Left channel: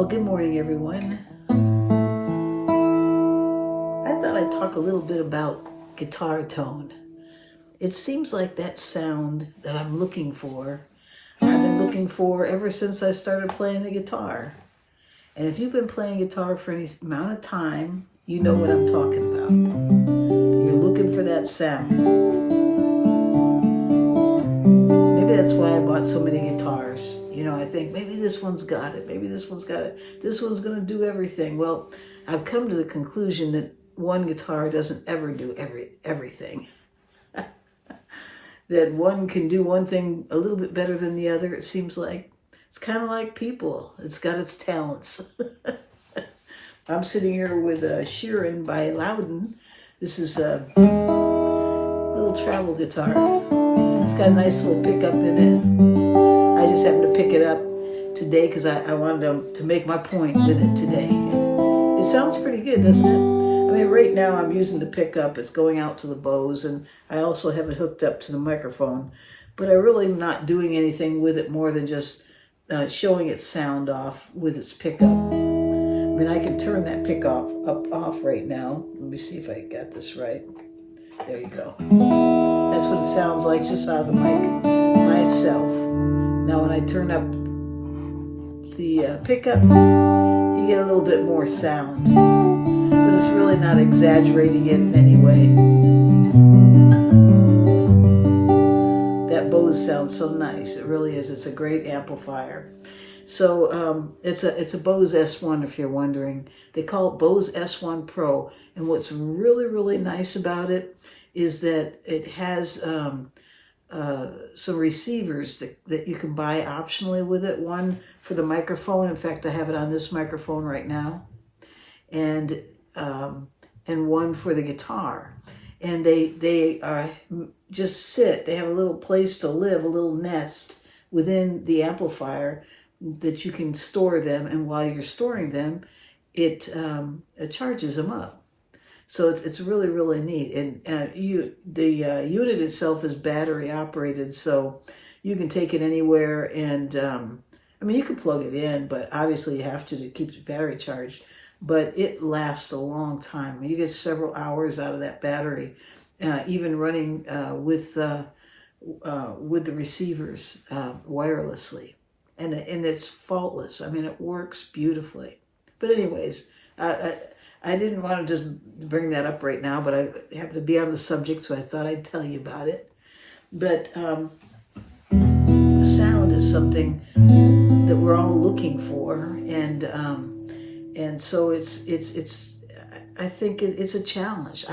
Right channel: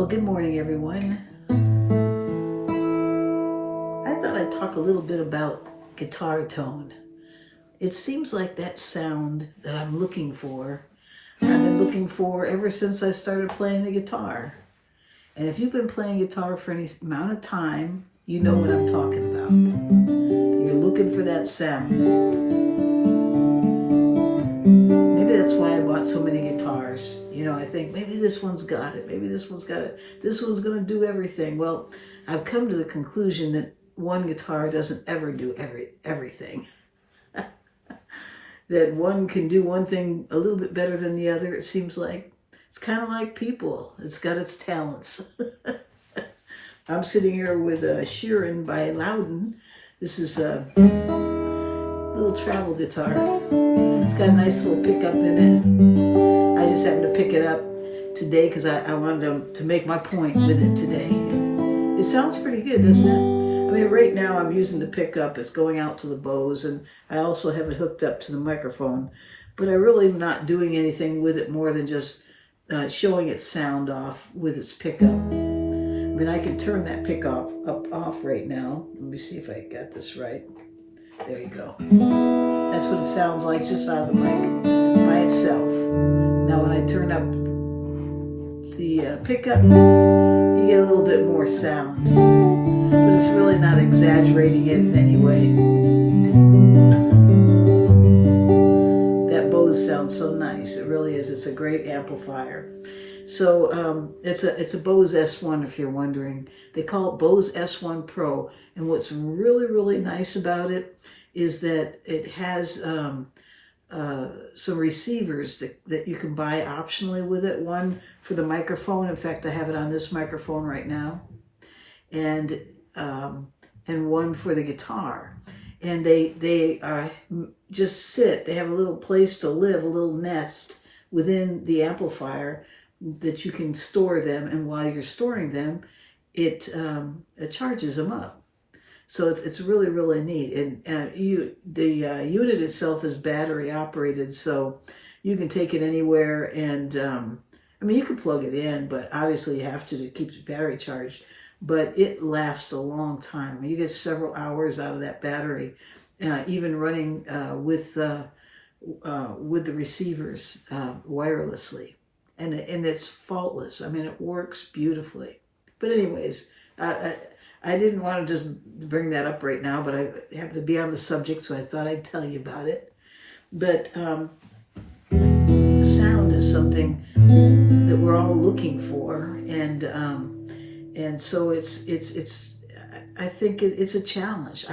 Well, good morning, everyone. I thought I'd talk a little bit about guitar tone. It seems like that sound that I'm looking for, I've been looking for ever since I started playing the guitar. And if you've been playing guitar for any amount of time, you know what I'm talking about. You're looking for that sound. Maybe that's why I bought so many guitars. You know, I think maybe this one's got it. Maybe this one's got it. This one's going to do everything. Well, I've come to the conclusion that one guitar doesn't ever do everything. That one can do one thing a little bit better than the other. It seems like it's kind of like people. It's got its talents. I'm sitting here with a Sheeran by Lowden. This is a little travel guitar. It's got a nice little pickup in it. I just happened to pick it up today because I wanted to make my point with it today. It sounds pretty good, doesn't it? I mean, right now I'm using the pickup. It's going out to the Bose, and I also have it hooked up to the microphone. But I really am not doing anything with it more than just showing its sound off with its pickup. I mean, I can turn that pickup off right now. Let me see if I got this right. There you go. That's what it sounds like just out of the mic by itself. Now, when I turn up the pickup, you get a little bit more sound. But it's really not exaggerating it in any way. That Bose sounds so nice. It really is. It's a great amplifier. So it's a Bose S1, if you're wondering. They call it Bose S1 Pro. And what's really, really nice about it is that it has some receivers that you can buy optionally with it. One for the microphone. In fact, I have it on this microphone right now. And one for the guitar. And they just sit. They have a little place to live, a little nest within the amplifier that you can store them. And while you're storing them, it charges them up. So it's really, really neat. And the unit itself is battery operated, so you can take it anywhere. And I mean, you can plug it in, but obviously you have to keep the battery charged. But it lasts a long time. I mean, you get several hours out of that battery, even running with the receivers wirelessly, and it's faultless. I mean, it works beautifully. But anyways, I didn't want to just bring that up right now, but I happen to be on the subject, so I thought I'd tell you about it. But sound is something that we're all looking for, and so it's I think it's a challenge.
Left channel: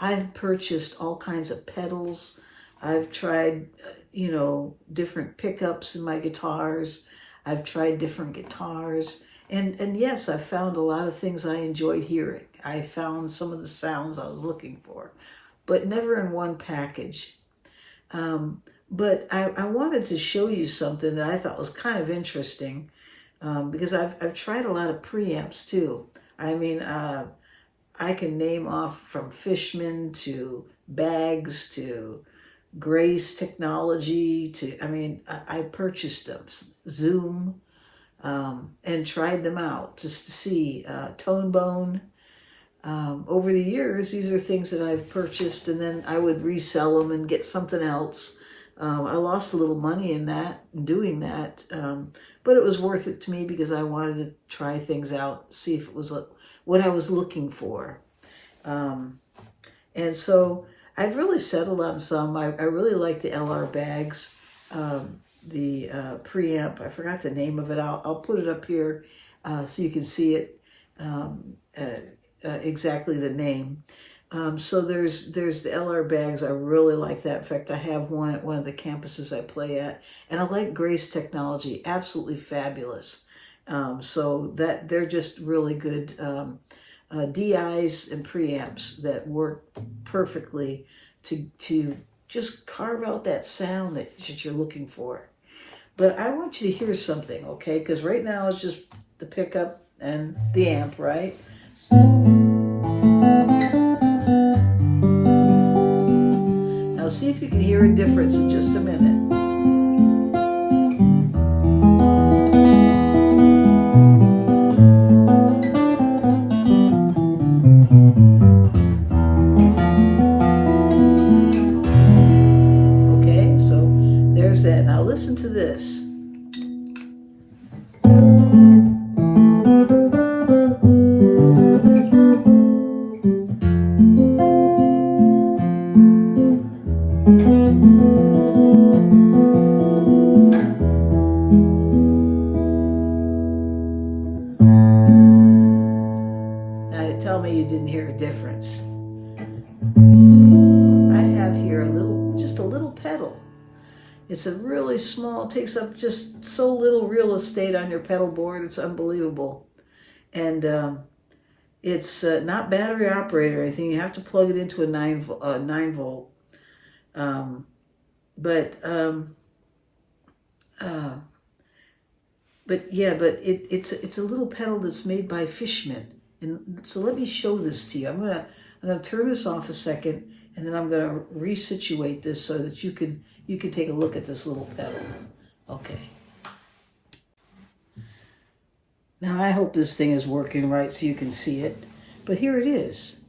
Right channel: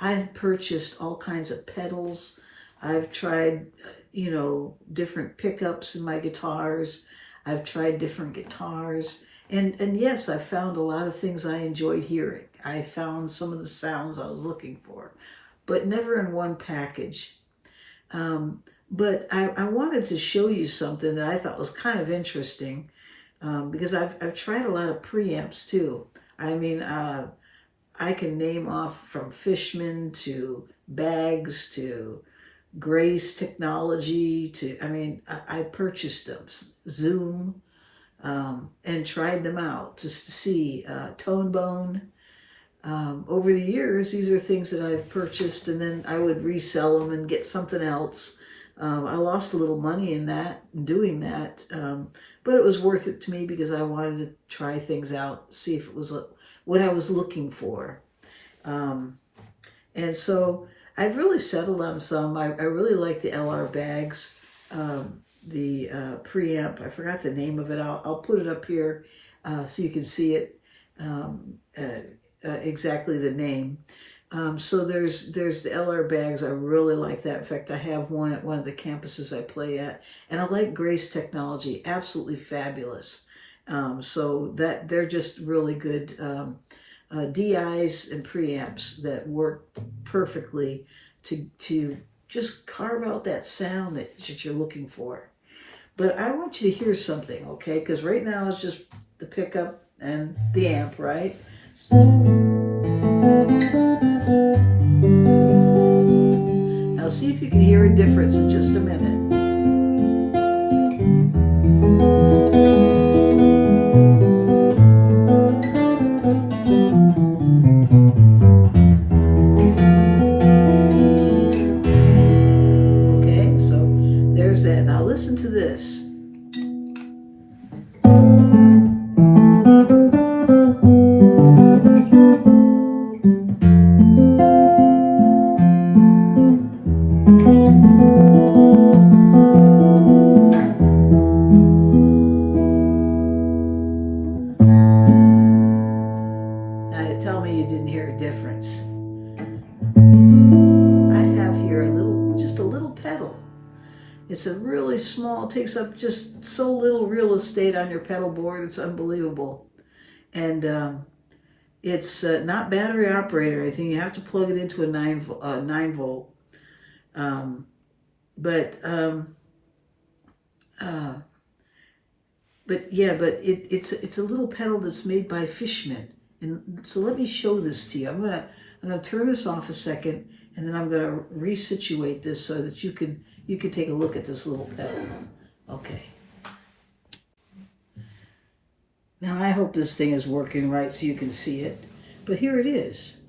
I've purchased all kinds of pedals. I've tried, different pickups in my guitars. I've tried different guitars. And yes, I found a lot of things I enjoyed hearing. I found some of the sounds I was looking for, but never in one package. But I wanted to show you something that I thought was kind of interesting, because I've tried a lot of preamps too. I mean, I can name off from Fishman to Bags to Grace Technology to, I purchased them, Zoom, and tried them out just to see, Tone Bone. Over the years, these are things that I've purchased, and then I would resell them and get something else. I lost a little money in doing that, but it was worth it to me because I wanted to try things out, see if it was what I was looking for. And so I've really settled on some. I really like the LR Bags, the preamp. I forgot the name of it. I'll put it up here so you can see it, exactly the name. So there's the LR Bags. I really like that. In fact, I have one at one of the campuses I play at, and I like Grace Technology. Absolutely fabulous. So that they're just really good DIs and preamps that work perfectly to just carve out that sound that you're looking for. But I want you to hear something, okay? Because right now it's just the pickup and the amp, right? Now see if you can hear a difference in just a minute. you didn't hear a difference. I have here just a little pedal. It's a really small, it takes up just so little real estate on your pedal board. It's unbelievable. And it's not battery operated or anything. You have to plug it into a 9 volt. It's a little pedal that's made by Fishman. And so let me show this to you. I'm gonna turn this off a second, and then I'm gonna resituate this so that you can take a look at this little pedal. Okay. Now I hope this thing is working right so you can see it. But here it is.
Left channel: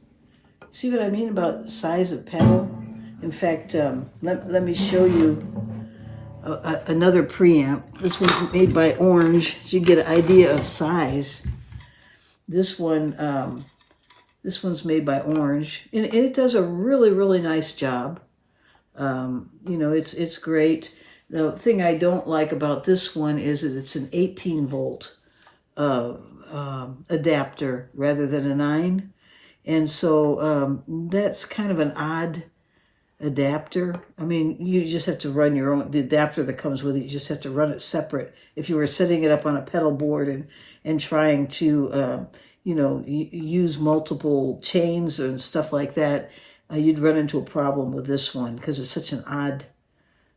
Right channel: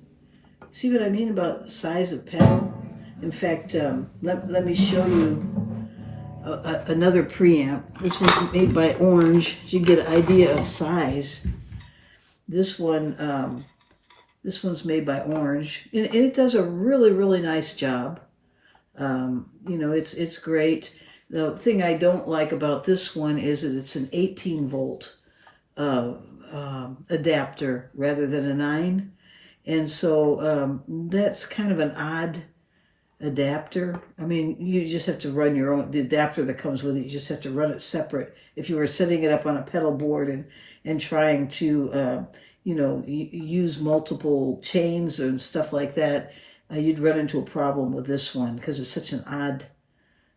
See what I mean about the size of pedal? In fact, let me show you another preamp. This one's made by Orange, so you get an idea of size. This one's made by Orange, and it does a really, really nice job. It's great. The thing I don't like about this one is that it's an 18 volt adapter rather than a 9, and so that's kind of an odd adapter. I mean, you just have to run your own, the adapter that comes with it, you just have to run it separate. If you were setting it up on a pedal board and trying to use multiple chains and stuff like that, you'd run into a problem with this one because it's such an odd,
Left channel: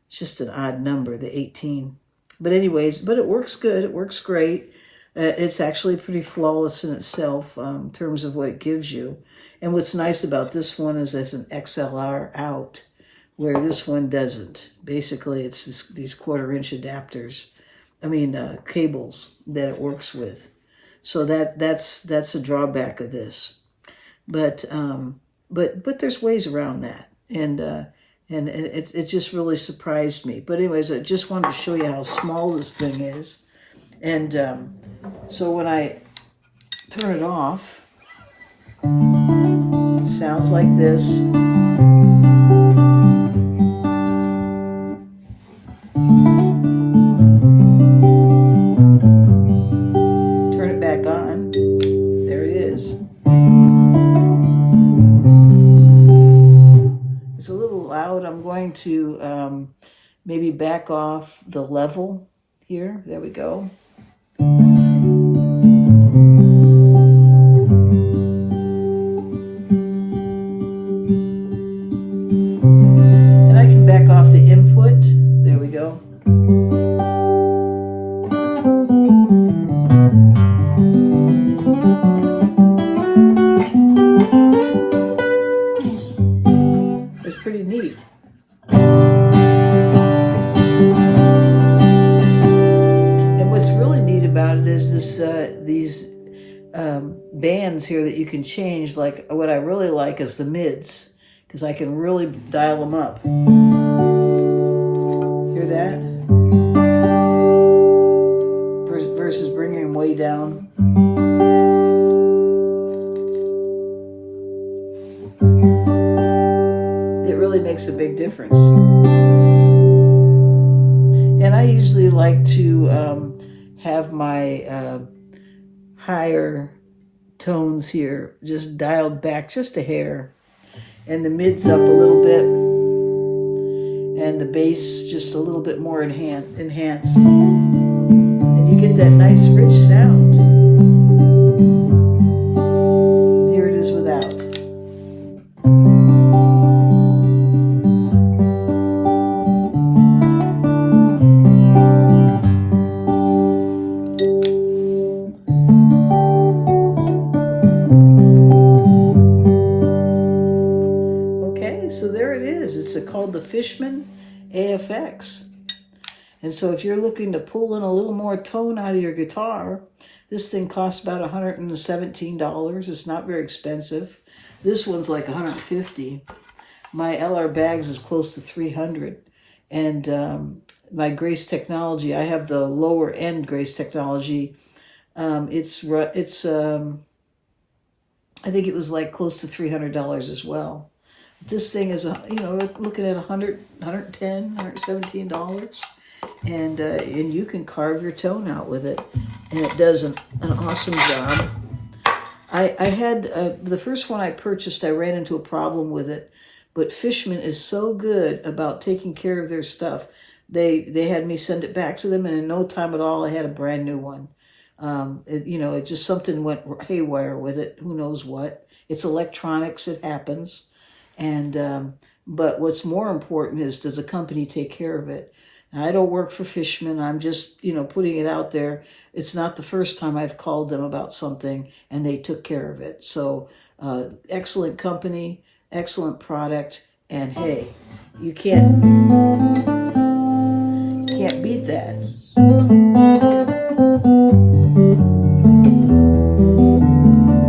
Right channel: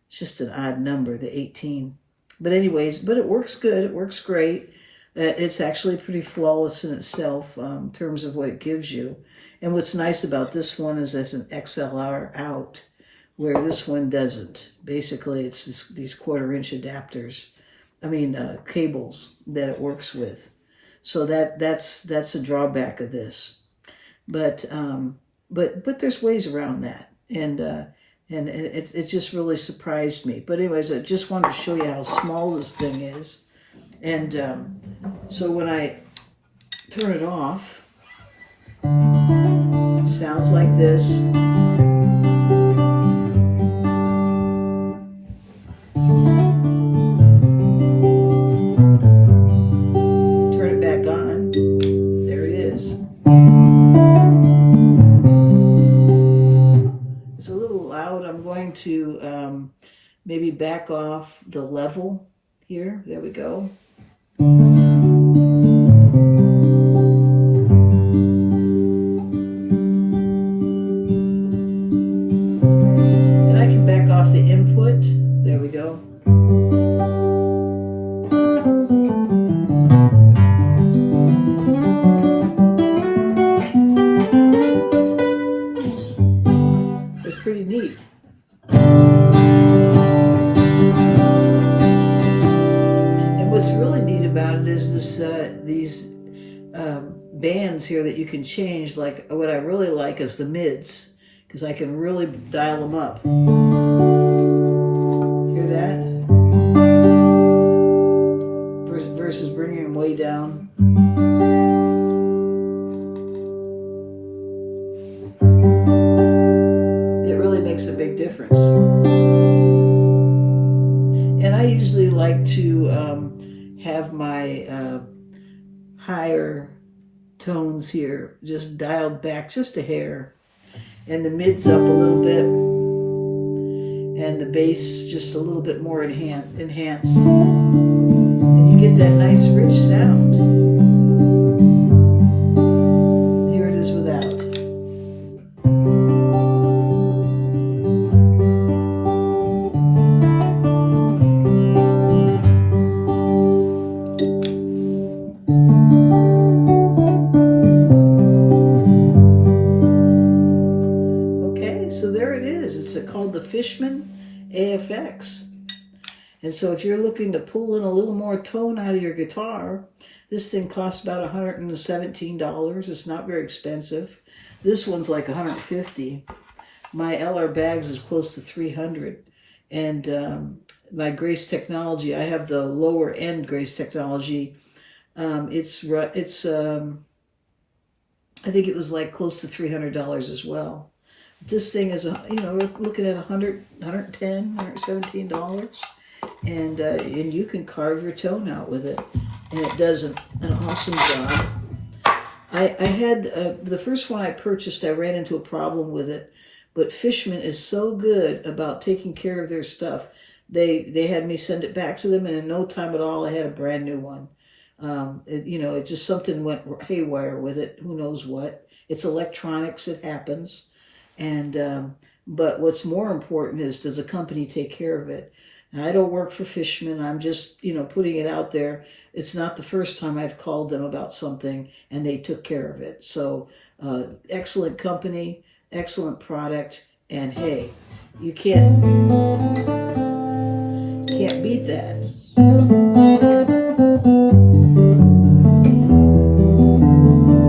it's just an odd number, the 18. But anyways, it works good. It works great. It's actually pretty flawless in itself in terms of what it gives you. And what's nice about this one is there's an XLR out, where this one doesn't. Basically, it's these 1/4-inch adapters, cables that it works with. So that's a drawback of this. But there's ways around that, and it just really surprised me. But anyways, I just wanted to show you how small this thing is. And so when I turn it off, sounds like this. Turn it back on. There it is. It's a little loud. I'm going to maybe back off the level here. There we go. And I can back off the input. There we go. It's pretty neat. These bands here that you can change. Like, what I really like is the mids, because I can really dial them up. Hear that? Versus bringing them way down. It really makes a big difference. And I usually like to have my higher tones here just dialed back just a hair, and the mids up a little bit, and the bass just a little bit more enhanced, and you get that nice rich sound. Here it is without. So there it is. It's called the Fishman AFX. And so if you're looking to pull in a little more tone out of your guitar, this thing costs about $117. It's not very expensive. This one's like $150. My LR Bags is close to $300. And my Grace Technology, I have the lower end Grace Technology. I think it was like close to $300 as well. This thing is, we're looking at $110, $117, and you can carve your tone out with it, and it does an awesome job. I had the first one I purchased, I ran into a problem with it, but Fishman is so good about taking care of their stuff. They had me send it back to them, and in no time at all, I had a brand new one. It just something went haywire with it. Who knows what? It's electronics. It happens. And but what's more important is, does the company take care of it? Now, I don't work for Fishman. I'm just putting it out there. It's not the first time I've called them about something and they took care of it. So excellent company, excellent product, and hey, you can't beat that.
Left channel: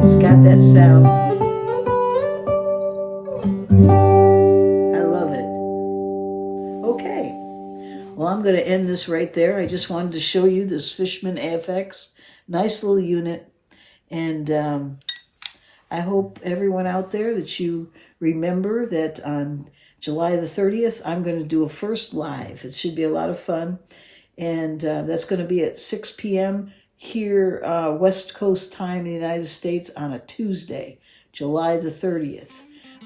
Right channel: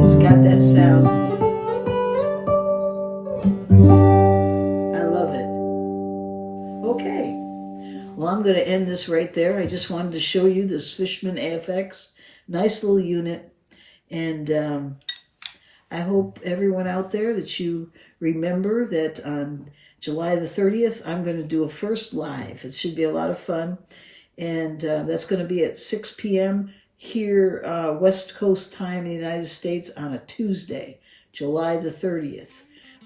It's got that sound. I love it. Okay. Well, I'm going to end this right there. I just wanted to show you this Fishman AFX. Nice little unit. And I hope everyone out there that you remember that on July the 30th, I'm going to do a first live. It should be a lot of fun. And that's going to be at 6 p.m. here, West Coast time in the United States on a Tuesday, July the 30th.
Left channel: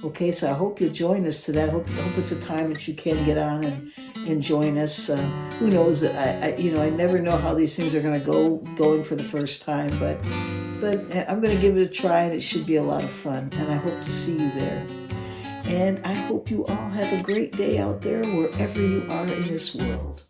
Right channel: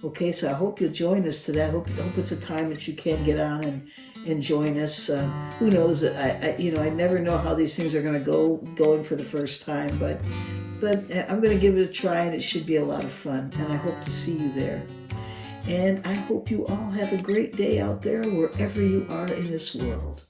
Okay, so I hope you'll join us to that. I hope it's a time that you can get on and join us. Who knows? I never know how these things are going to going for the first time, but I'm going to give it a try, and it should be a lot of fun. And I hope to see you there. And I hope you all have a great day out there wherever you are in this world.